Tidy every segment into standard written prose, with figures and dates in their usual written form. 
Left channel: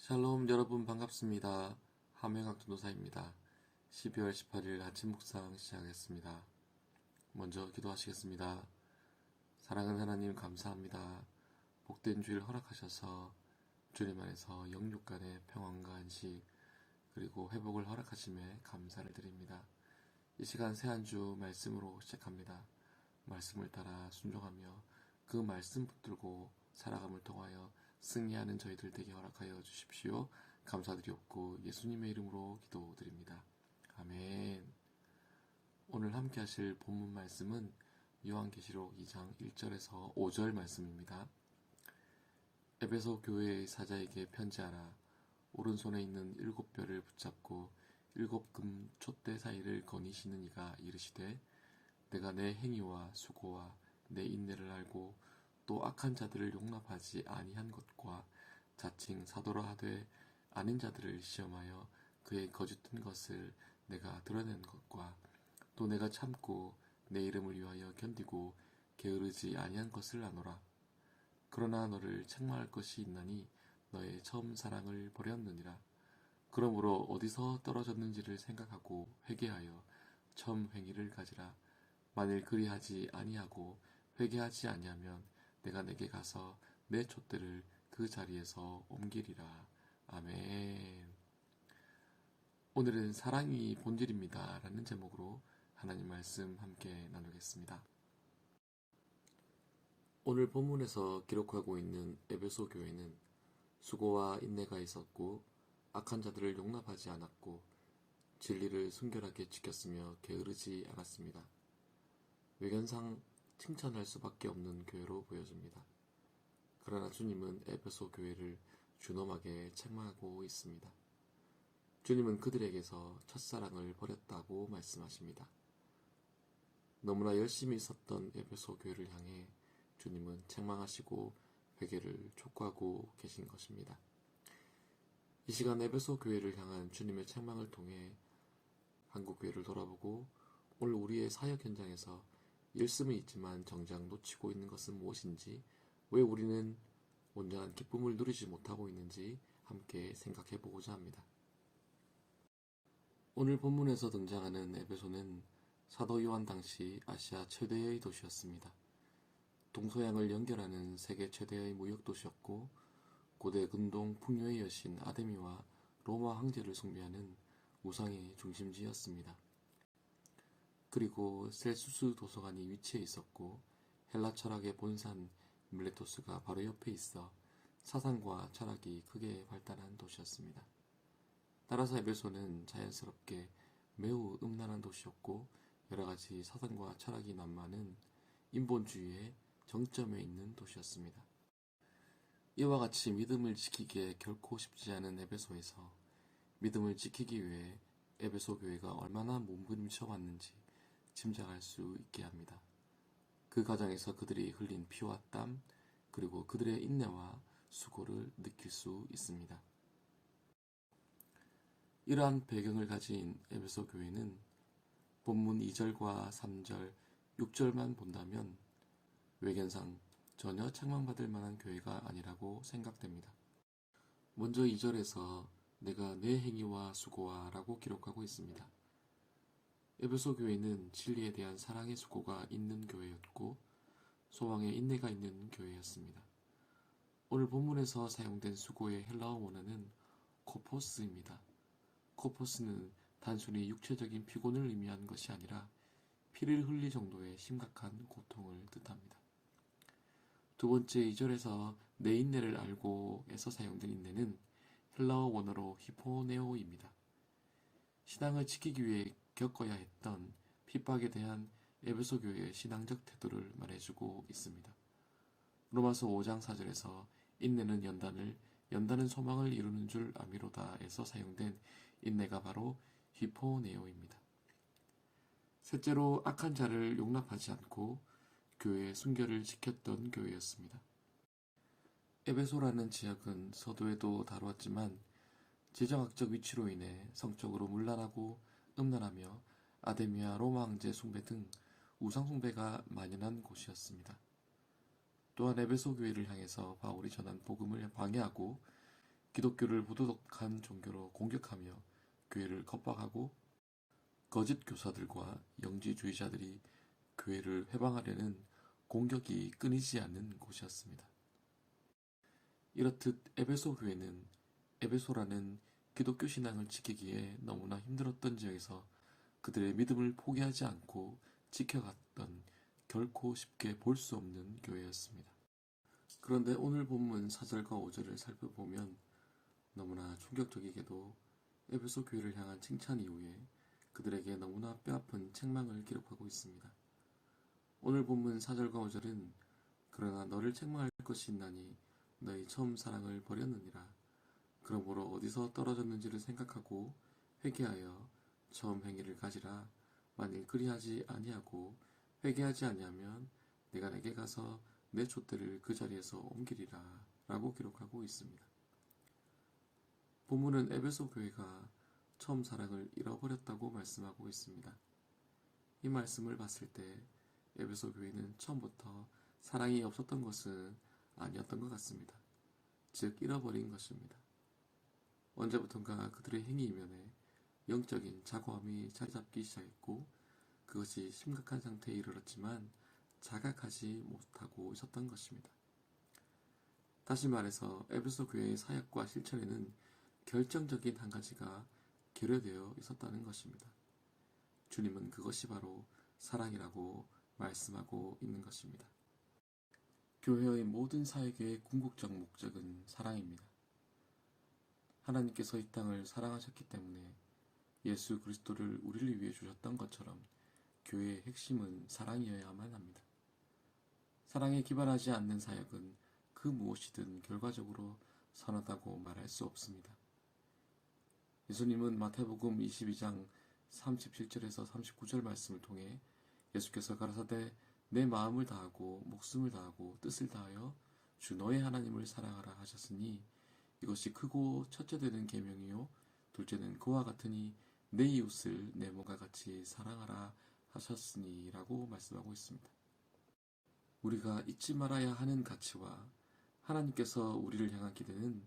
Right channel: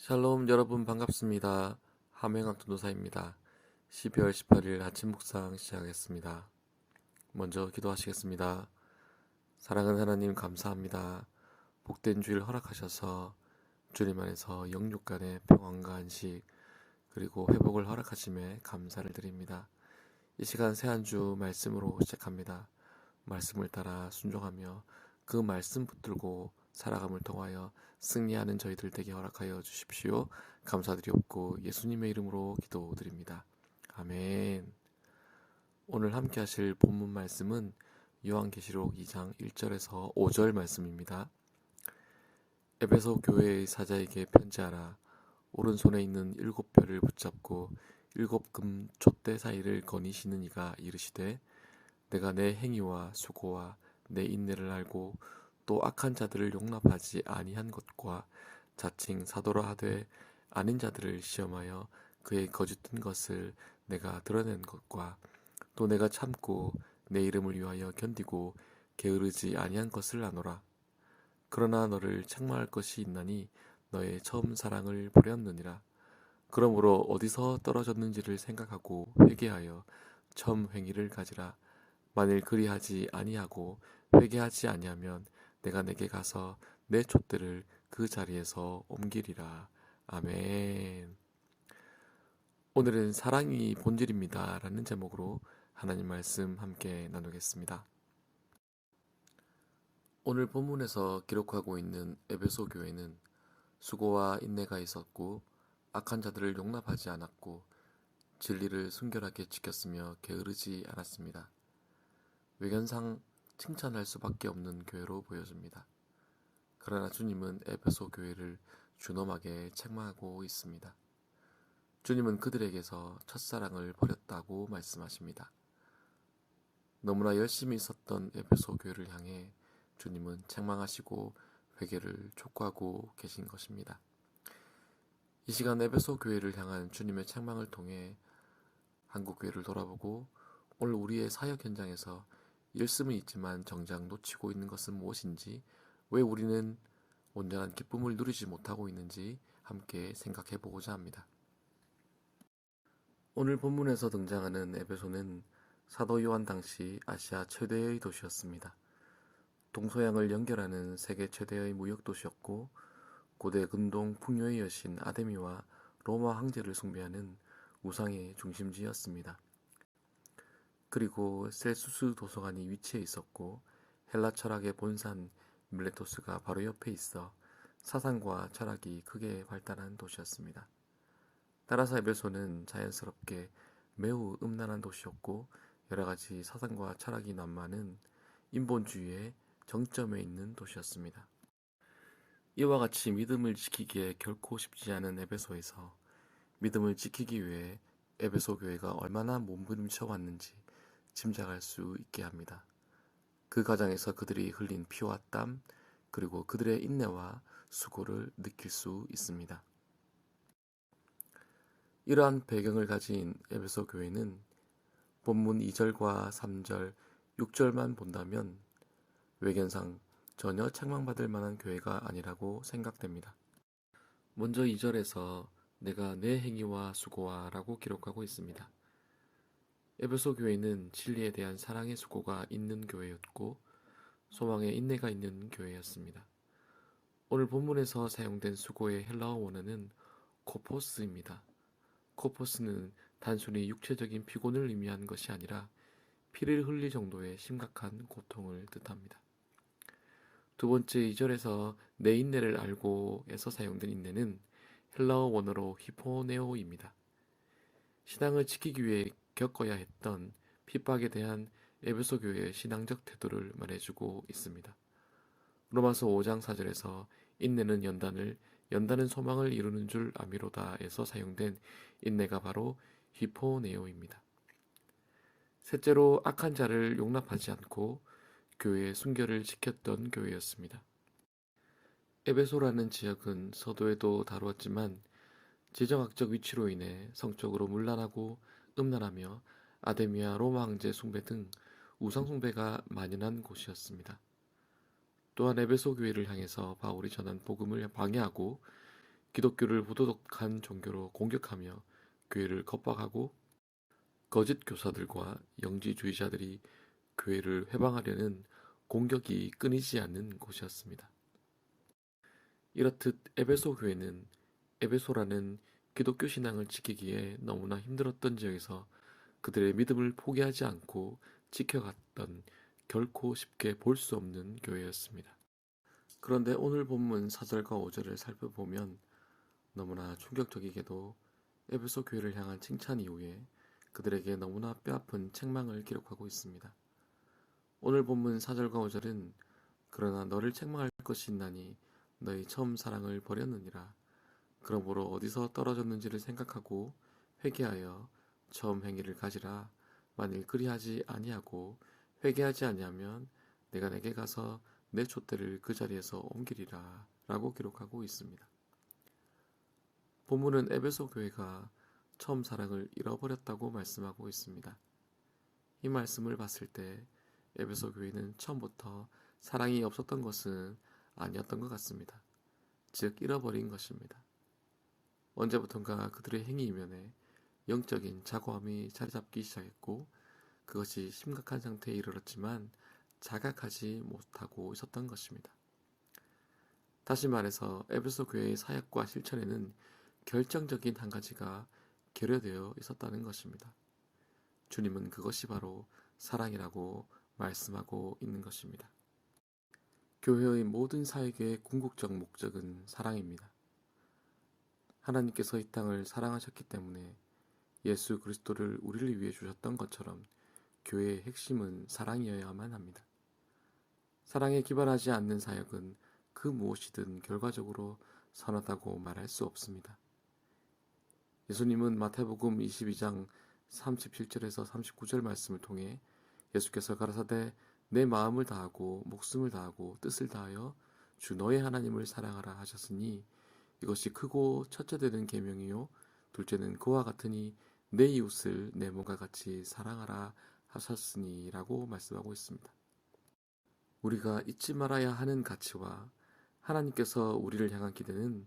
샬롬 여러분 반갑습니다. 함영학 전도사입니다. 12월 18일 아침 묵상 시작하겠습니다. 먼저 기도하시겠습니다. 사랑하는 하나님 감사합니다. 복된 주일 허락하셔서 주님 안에서 영육 간의 평안과 안식 그리고 회복을 허락하심에 감사를 드립니다. 이 시간 새 한 주 말씀으로 시작합니다. 말씀을 따라 순종하며 그 말씀 붙들고 살아감을 통하여 승리하는 저희들 되게 허락하여 주십시오. 감사드리옵고 예수님의 이름으로 기도드립니다. 아멘. 오늘 함께 하실 본문 말씀은 요한계시록 2장 1절에서 5절 말씀입니다. 에베소 교회의 사자에게 편지하라. 오른손에 있는 7별을 붙잡고 7금 촛대 사이를 거니시는 이가 이르시되 내가 내 행위와 수고와 내 인내를 알고 또 악한 자들을 용납하지 아니한 것과 자칭 사도라 하되 아닌 자들을 시험하여 그의 거짓된 것을 내가 드러낸 것과 또 내가 참고 내 이름을 위하여 견디고 게으르지 아니한 것을 아노라. 그러나 너를 책망할 것이 있나니 너의 처음 사랑을 버렸느니라. 그러므로 어디서 떨어졌는지를 생각하고 회개하여 처음 행위를 가지라. 만일 그리하지 아니하고 회개하지 아니하면 내가 내게 가서 내 촛대를 그 자리에서 옮기리라. 아멘. 오늘은 사랑이 본질입니다 라는 제목으로 하나님 말씀 함께 나누겠습니다. 오늘 본문에서 기록하고 있는 에베소 교회는 수고와 인내가 있었고 악한 자들을 용납하지 않았고 진리를 순결하게 지켰으며 게으르지 않았습니다. 외견상 칭찬할 수밖에 없는 교회로 보여집니다. 그러나 주님은 에베소 교회를 준엄하게 책망하고 있습니다. 주님은 그들에게서 첫사랑을 버렸다고 말씀하십니다. 너무나 열심히 있었던 에베소 교회를 향해 주님은 책망하시고 회개를 촉구하고 계신 것입니다. 이 시간 에베소 교회를 향한 주님의 책망을 통해 한국 교회를 돌아보고 오늘 우리의 사역 현장에서 일씀은 있지만 정작 놓치고 있는 것은 무엇인지, 왜 우리는 온전한 기쁨을 누리지 못하고 있는지 함께 생각해 보고자 합니다. 오늘 본문에서 등장하는 에베소는 사도 요한 당시 아시아 최대의 도시였습니다. 동서양을 연결하는 세계 최대의 무역 도시였고 고대 근동 풍요의 여신 아데미와 로마 황제를 숭배하는 우상의 중심지였습니다. 그리고 셀수스 도서관이 위치해 있었고 헬라 철학의 본산 밀레토스가 바로 옆에 있어 사상과 철학이 크게 발달한 도시였습니다. 따라서 에베소는 자연스럽게 매우 음란한 도시였고 여러가지 사상과 철학이 난무하는 인본주의의 정점에 있는 도시였습니다. 이와 같이 믿음을 지키기에 결코 쉽지 않은 에베소에서 믿음을 지키기 위해 에베소 교회가 얼마나 몸부림쳐 왔는지 짐작할 수 있게 합니다. 그 과정에서 그들이 흘린 피와 땀, 그리고 그들의 인내와 수고를 느낄 수 있습니다. 이러한 배경을 가진 에베소 교회는 본문 2절과 3절, 6절만 본다면 외견상 전혀 책망받을 만한 교회가 아니라고 생각됩니다. 먼저 2절에서 내가 내 행위와 수고와 라고 기록하고 있습니다. 에베소 교회는 진리에 대한 사랑의 수고가 있는 교회였고 소망의 인내가 있는 교회였습니다. 오늘 본문에서 사용된 수고의 헬라어 원어는 코포스입니다. 코포스는 단순히 육체적인 피곤을 의미하는 것이 아니라 피를 흘릴 정도의 심각한 고통을 뜻합니다. 두 번째 2절에서 내 인내를 알고 에서 사용된 인내는 헬라어 원어로 히포네오입니다. 신앙을 지키기 위해 겪어야 했던 핍박에 대한 에베소 교회의 신앙적 태도를 말해주고 있습니다. 로마서 5장 4절에서 인내는 연단을, 연단은 소망을 이루는 줄 아미로다에서 사용된 인내가 바로 히포네오입니다. 셋째로 악한 자를 용납하지 않고 교회의 순결을 지켰던 교회였습니다. 에베소라는 지역은 서도에도 다루었지만 지정학적 위치로 인해 성적으로 문란하고 음란하며 아데미아 로마 황제 숭배 등 우상 숭배가 만연한 곳이었습니다. 또한 에베소 교회를 향해서 바울이 전한 복음을 방해하고 기독교를 부도덕한 종교로 공격하며 교회를 겁박하고 거짓 교사들과 영지주의자들이 교회를 회방하려는 공격이 끊이지 않는 곳이었습니다. 이렇듯 에베소 교회는 에베소라는 기독교 신앙을 지키기에 너무나 힘들었던 지역에서 그들의 믿음을 포기하지 않고 지켜갔던 결코 쉽게 볼 수 없는 교회였습니다. 그런데 오늘 본문 4절과 5절을 살펴보면 너무나 충격적이게도 에베소 교회를 향한 칭찬 이후에 그들에게 너무나 뼈아픈 책망을 기록하고 있습니다. 오늘 본문 4절과 5절은 그러나 너를 책망할 것이 있나니 너희 처음 사랑을 버렸느니라. 그러므로 어디서 떨어졌는지를 생각하고 회개하여 처음 행위를 가지라. 만일 그리하지 아니하고 회개하지 아니하면 내가 내게 가서 내 촛대를 그 자리에서 옮기리라 라고 기록하고 있습니다. 본문은 에베소 교회가 처음 사랑을 잃어버렸다고 말씀하고 있습니다. 이 말씀을 봤을 때 에베소 교회는 처음부터 사랑이 없었던 것은 아니었던 것 같습니다. 즉 잃어버린 것입니다. 언제부턴가 그들의 행위 이면에 영적인 자고함이 자리잡기 시작했고 그것이 심각한 상태에 이르렀지만 자각하지 못하고 있었던 것입니다. 다시 말해서 에베소 교회의 사역과 실천에는 결정적인 한 가지가 결여되어 있었다는 것입니다. 주님은 그것이 바로 사랑이라고 말씀하고 있는 것입니다. 교회의 모든 사역의 궁극적 목적은 사랑입니다. 하나님께서 이 땅을 사랑하셨기 때문에 예수 그리스도를 우리를 위해 주셨던 것처럼 교회의 핵심은 사랑이어야만 합니다. 사랑에 기반하지 않는 사역은 그 무엇이든 결과적으로 선하다고 말할 수 없습니다. 예수님은 마태복음 22장 37절에서 39절 말씀을 통해 예수께서 가라사대 내 마음을 다하고 목숨을 다하고 뜻을 다하여 주 너의 하나님을 사랑하라 하셨으니 이것이 크고 첫째 되는 계명이요 둘째는 그와 같으니 내 이웃을 내 몸과 같이 사랑하라 하셨으니 라고 말씀하고 있습니다. 우리가 잊지 말아야 하는 가치와 하나님께서 우리를 향한 기대는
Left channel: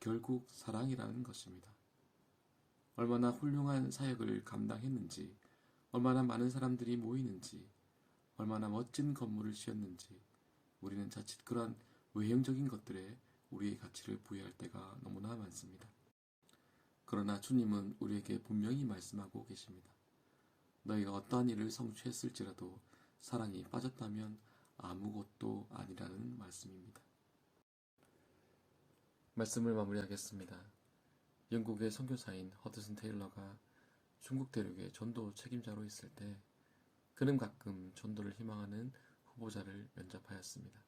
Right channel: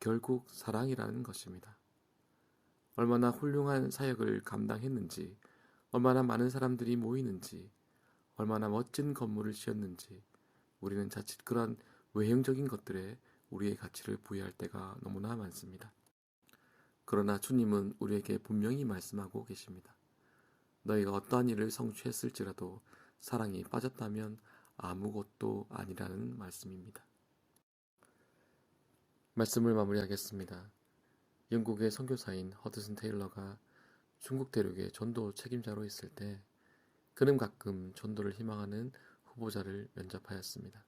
결국 사랑이라는 것입니다. 얼마나 훌륭한 사역을 감당했는지, 얼마나 많은 사람들이 모이는지, 얼마나 멋진 건물을 지었는지 우리는 자칫 그런 외형적인 것들에 우리의 가치를 부여할 때가 너무나 많습니다. 그러나 주님은 우리에게 분명히 말씀하고 계십니다. 너희가 어떠한 일을 성취했을지라도 사랑이 빠졌다면 아무것도 아니라는 말씀입니다. 말씀을 마무리하겠습니다. 영국의 선교사인 허드슨 테일러가 중국 대륙의 전도 책임자로 있을 때 그는 가끔 전도를 희망하는 후보자를 면접하였습니다.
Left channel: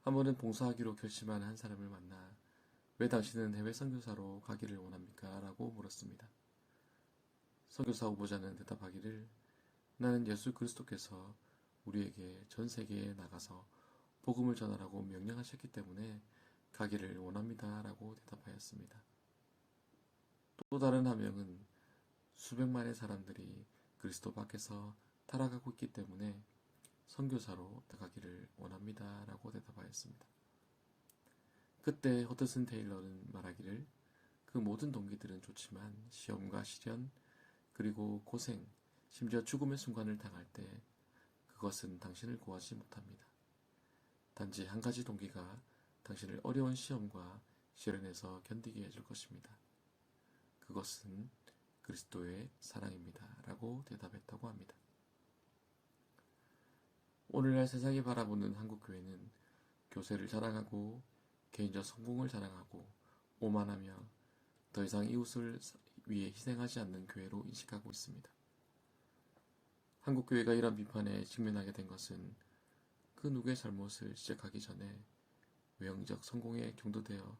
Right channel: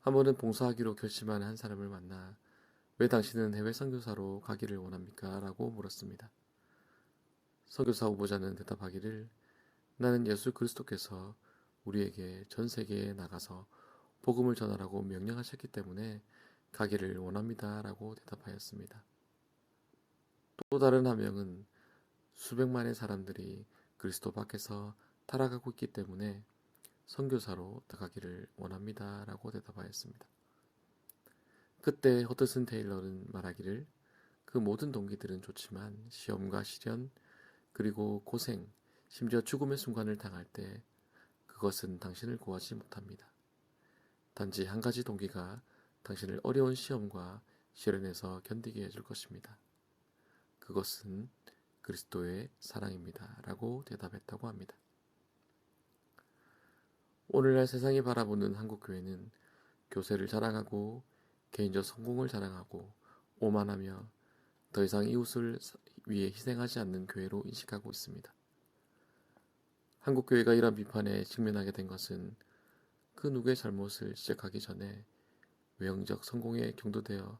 한 번은 봉사하기로 결심한 한 사람을 만나 왜 당신은 해외 선교사로 가기를 원합니까? 라고 물었습니다. 선교사 후보자는 대답하기를 나는 예수 그리스도께서 우리에게 전 세계에 나가서 복음을 전하라고 명령하셨기 때문에 가기를 원합니다. 라고 대답하였습니다. 또 다른 한 명은 수백만의 사람들이 그리스도 밖에서 타락하고 있기 때문에 선교사로 나가기를 원합니다. 라고 대답하였습니다. 그때 허드슨 테일러는 말하기를 그 모든 동기들은 좋지만 시험과 시련 그리고 고생 심지어 죽음의 순간을 당할 때 그것은 당신을 구하지 못합니다. 단지 한 가지 동기가 당신을 어려운 시험과 시련에서 견디게 해줄 것입니다. 그것은 그리스도의 사랑입니다. 라고 대답했다고 합니다. 오늘날 세상이 바라보는 한국교회는 교세를 자랑하고 개인적 성공을 자랑하고 오만하며 더 이상 이웃을 위해 희생하지 않는 교회로 인식하고 있습니다. 한국교회가 이런 비판에 직면하게 된 것은 그 누구의 잘못을 지적하기 전에 외형적 성공에 경도되어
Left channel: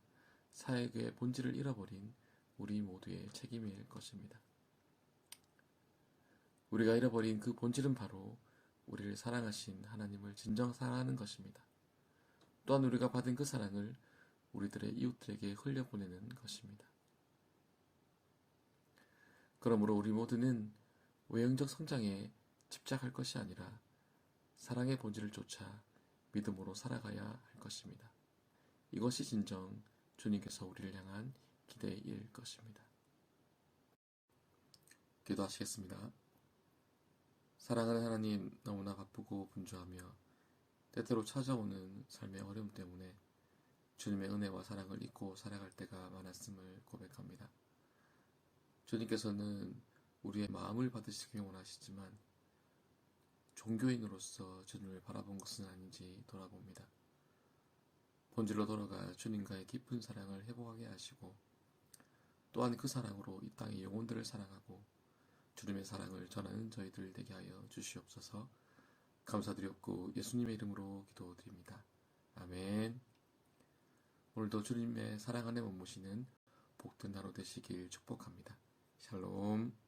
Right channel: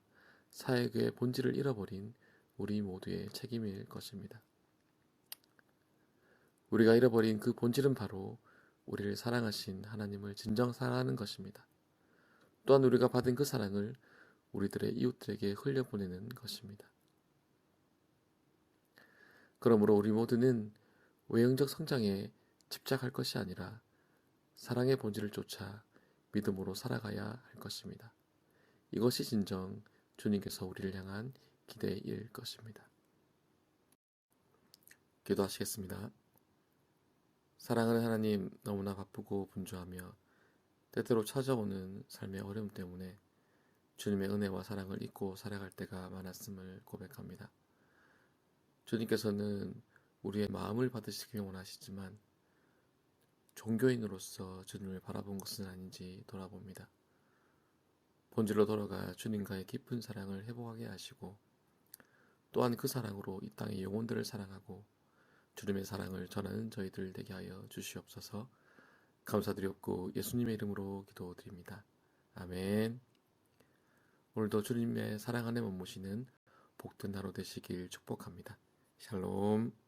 사역의 본질을 잃어버린 우리 모두의 책임일 것입니다. 우리가 잃어버린 그 본질은 바로 우리를 사랑하신 하나님을 진정 사랑하는 것입니다. 또한 우리가 받은 그 사랑을 우리들의 이웃들에게 흘려보내는 것입니다. 그러므로 우리 모두는 외형적 성장에 집착할 것이 아니라 사랑의 본질을 쫓아 믿음으로 살아가야 할 것입니다. 이것이 진정 주님께서 우리를 향한 기대일 것입니다. 기도하시겠습니다. 사랑하는 하나님, 너무나 바쁘고 분주하며 때때로 찾아오는 삶의 어려움 때문에 주님의 은혜와 사랑을 잊고 살아갈 때가 많았음을 고백합니다. 주님께서는 우리의 마음을 받으시길 원하시지만 종교인으로서 주님을 바라본 것은 아닌지 돌아봅니다. 본질로 돌아가 주님과의 깊은 사랑을 회복하게 하시고 또한 그 사랑으로 이 땅의 영혼들을 사랑하고 주님의 사랑을 전하는 저희들 되게 하여 주시옵소서. 감사드렸고 예수님의 이름으로 기도드립니다. 아멘. 오늘도 주님의 사랑 안에 머무시는 복된 하루 되시길 축복합니다. 샬롬.